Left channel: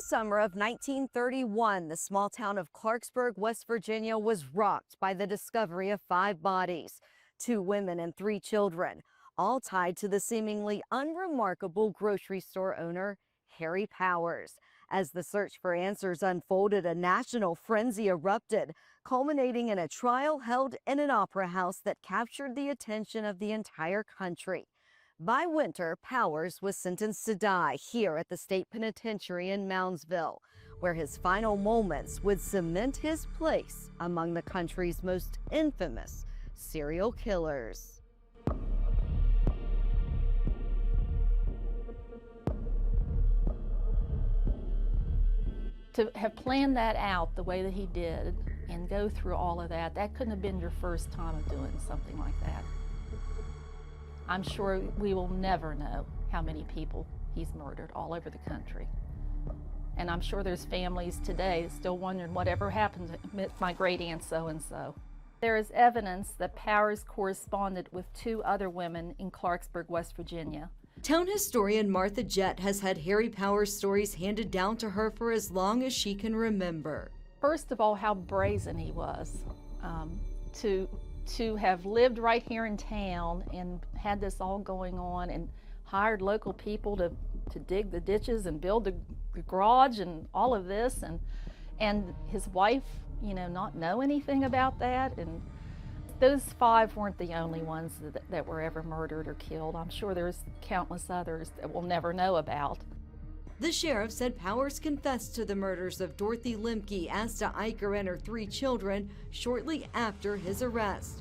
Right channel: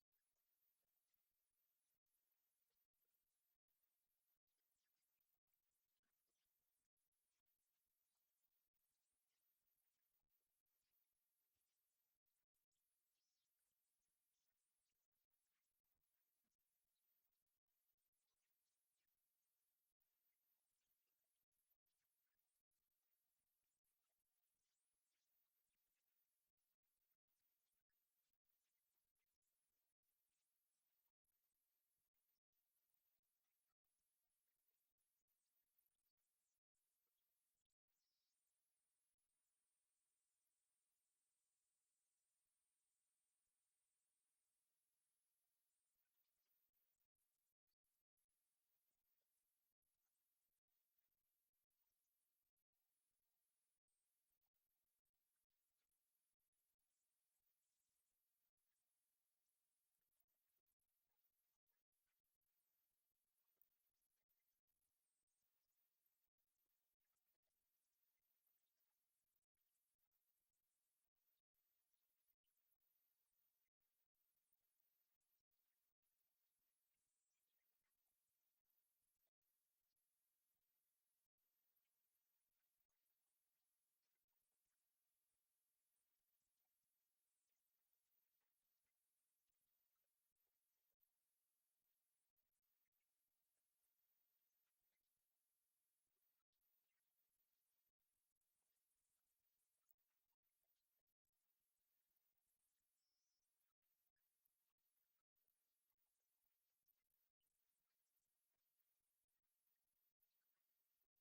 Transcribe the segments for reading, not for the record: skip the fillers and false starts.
the summer of 1931, the small town of Clarksburg, West Virginia was rocked by the discovery of 5 bodies, 2 women and 3 children, all tied to the seemingly unremarkable grocery store owner, Harry Powers. As the search for answers unfolded, a national frenzy erupted, culminating in a trial held in an opera house that captured the attention of the entire country. By winter, Powers was sentenced to die here at the state penitentiary in Moundsville, where his final moments would cement his place among the country's most infamous serial killers. To have planned that out the way that he did and go through all of that, that couldn't have been your first time of doing something like that. I'm sure we will never know how many people he's murdered all over the country. And I'm sure there's families today still wondering whatever happened to my great aunt so-and-so. There is evidence that Powers corresponded with 2 other women in Clarksburg, West Virginia. Town historian Martha Jett has had Harry Powers stories handed down to her for as long as she can remember. First of all, how brazen he was to have lived right here in town and had this all going on and hired local people to dig the ditches and build the garage and all of this, and his wife, you know, not know anything about that. And those 5 weren't the only ones that were ever murdered or killed. I'm sure there's countless others that we'll never know about. The sheriff said Powers confessed to the murders of Dorothy Lemke, Asta Eicher, and her 3 children shortly after his arrest.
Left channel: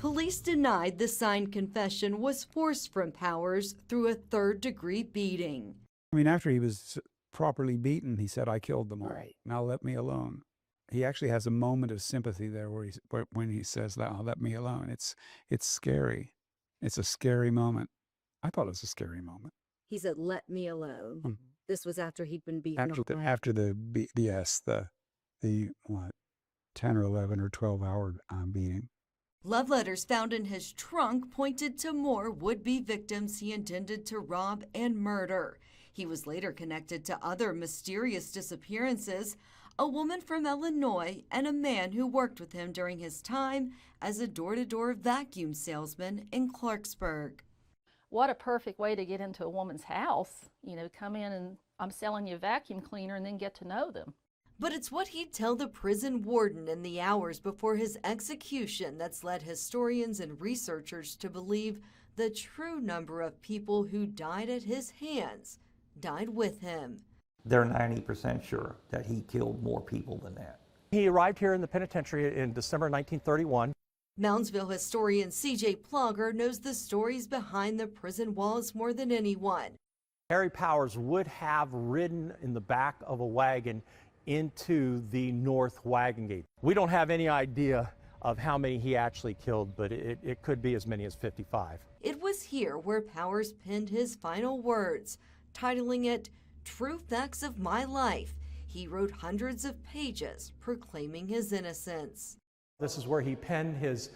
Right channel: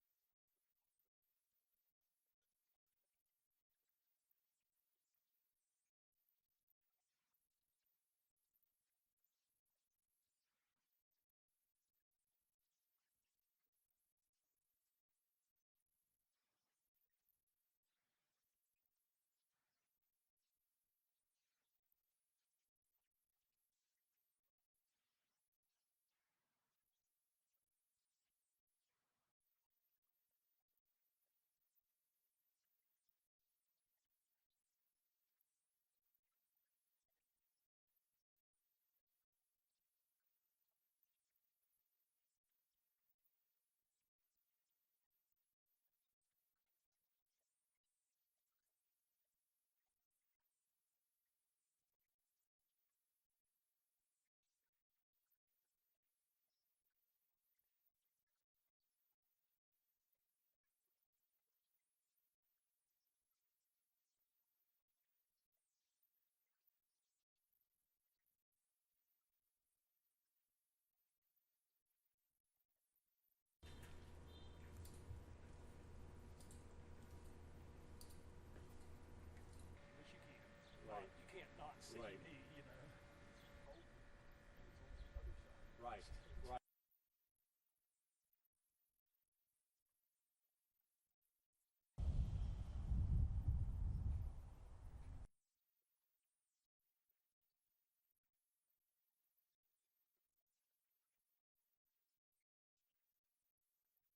Police denied the signed confession was forced from Powers through a 3rd-degree beating. I mean, after he was properly beaten, he said, "I killed them all. Right. Now let me alone." He actually has a moment of sympathy there when he says, "Now let me alone." It's scary. It's a scary moment. I thought it was a scary moment. He said, "Let me alone." Mhm. This was after he'd been beaten. After the 10 or 11 or 12-hour beating. Love letters found in his trunk pointed to more would-be victims he intended to rob and murder. He was later connected to other mysterious disappearances, a woman from Illinois and a man who worked with him during his time as a door-to-door vacuum salesman in Clarksburg. What a perfect way to get into a woman's house, you know, come in and I'm selling you a vacuum cleaner and then get to know them. But it's what he'd tell the prison warden in the hours before his execution that's led historians and researchers to believe the true number of people who died at his hands died with him. They're 90% sure that he killed more people than that. He arrived here in the penitentiary in December 1931. Moundsville historian C.J. Plogger knows the stories behind the prison walls more than anyone. Harry Powers would have ridden in the back of a wagon into the north wagon gate. We don't have any idea of how many he actually killed, but it could be as many as 55. It was here where Powers penned his final words, titling it "True Facts of My Life." He wrote hundreds of pages proclaiming his innocence. This is where he penned his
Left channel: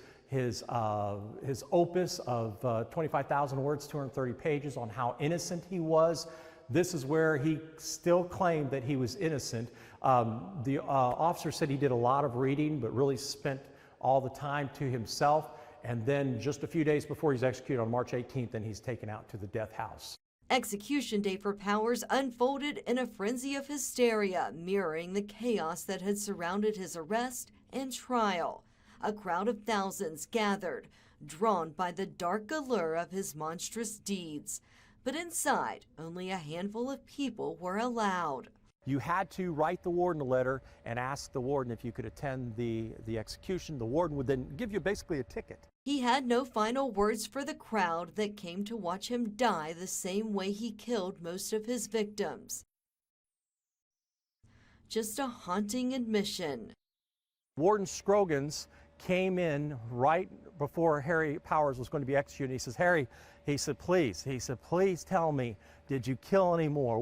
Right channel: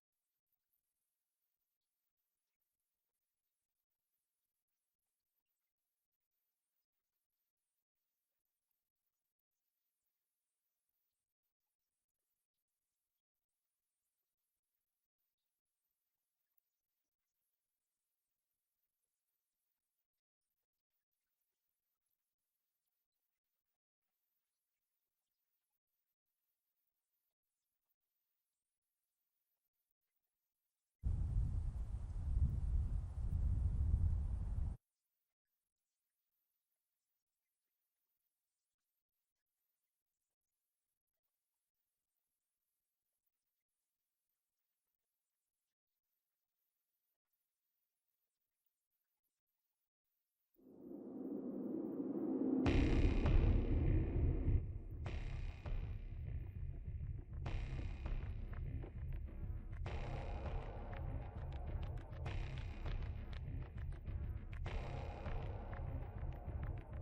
opus of 25,000 words, 230 pages on how innocent he was. This is where he still claimed that he was innocent. The officer said he did a lot of reading, but really spent all the time to himself. And then just a few days before he's executed on March 18th, then he's taken out to the death house. Execution day for Powers unfolded in a frenzy of hysteria, mirroring the chaos that had surrounded his arrest and trial. A crowd of thousands gathered, drawn by the dark allure of his monstrous deeds. But inside, only a handful of people were allowed. You had to write the warden a letter and ask the warden if you could attend the execution. The warden would then give you basically a ticket. He had no final words for the crowd that came to watch him die the same way he killed most of his victims. Just a haunting admission. Warden Scroggins came in right before Harry Powers was going to be executed. He says, "Harry," he said, please tell me, did you kill any more?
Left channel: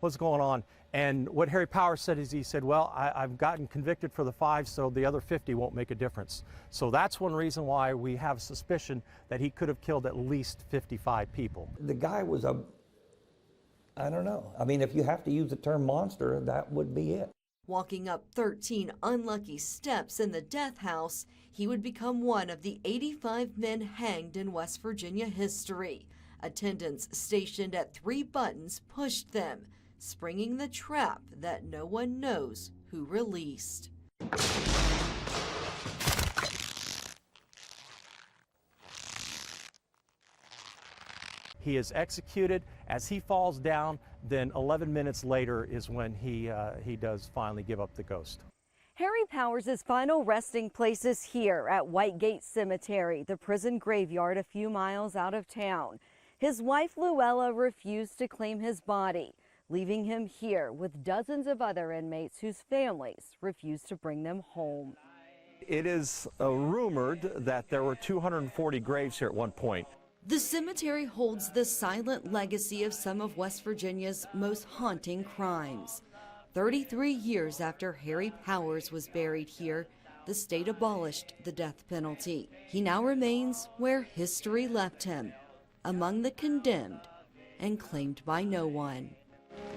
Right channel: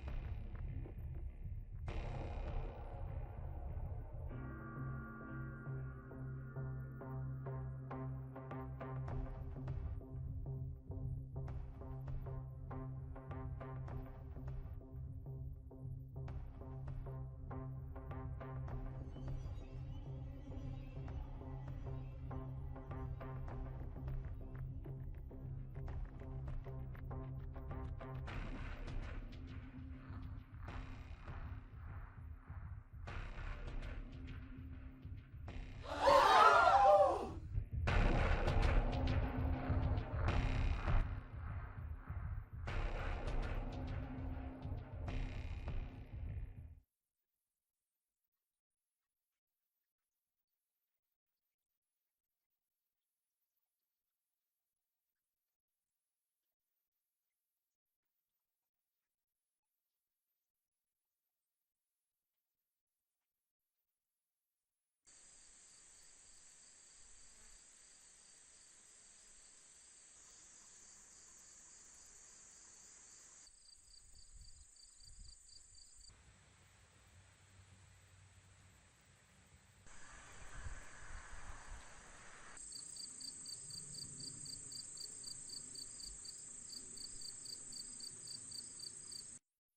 What's going on?" And what Harry Powers said is, he said, "Well, I've gotten convicted for the 5, so the other 50 won't make a difference." So that's one reason why we have suspicion that he could have killed at least 55 people. The guy was a I don't know. I mean, if you have to use the term monster, that would be it. Walking up 13 unlucky steps in the death house, he would become one of the 85 men hanged in West Virginia history. Attendants stationed at 3 buttons pushed them, springing the trap that no one knows who released. He is executed. As he falls down, then 11 minutes later is when he does finally give up the ghost. Harry Powers' final resting place is here at White Gate Cemetery, the prison graveyard a few miles out of town. His wife Luella refused to claim his body, leaving him here with dozens of other inmates whose families refused to bring them home. It is rumored that there were 240 graves here at one point. The cemetery holds the silent legacy of some of West Virginia's most haunting crimes. 33 years after Harry Powers was buried here, the state abolished the death penalty. He now remains where history left him, among the condemned and claimed by no one.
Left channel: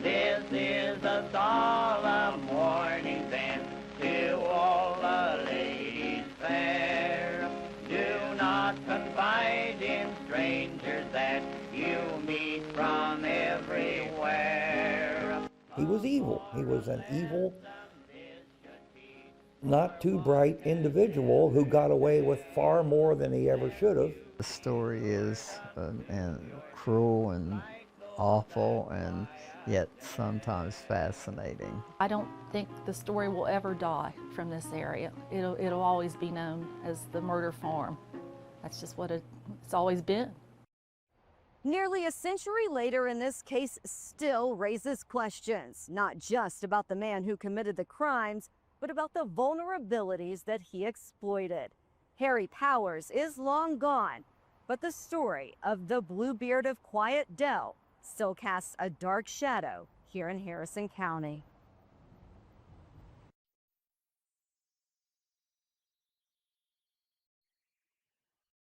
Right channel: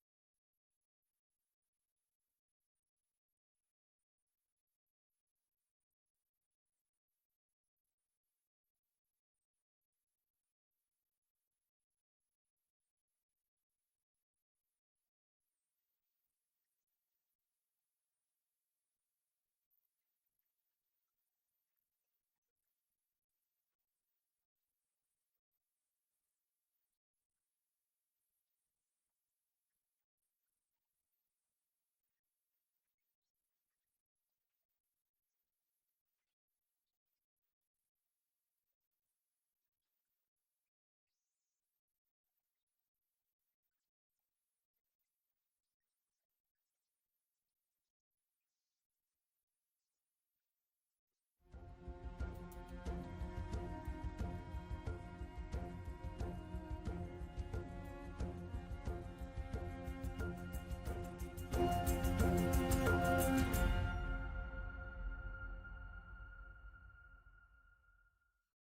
This is a solemn warning sent to all the ladies fair. Do not confide in strangers that you meet from everywhere. He was evil. He was an evil, not too bright individual who got away with far more than he ever should have. The story is cruel and awful and yet sometimes fascinating. I don't think the story will ever die from this area. It'll always be known as the murder farm. That's just what it's always been. Nearly a century later, and this case still raises questions, not just about the man who committed the crimes, but about the vulnerabilities that he exploited. Harry Powers is long gone, but the story of the Bluebeard of Quiet Dell still casts a dark shadow here in Harrison County.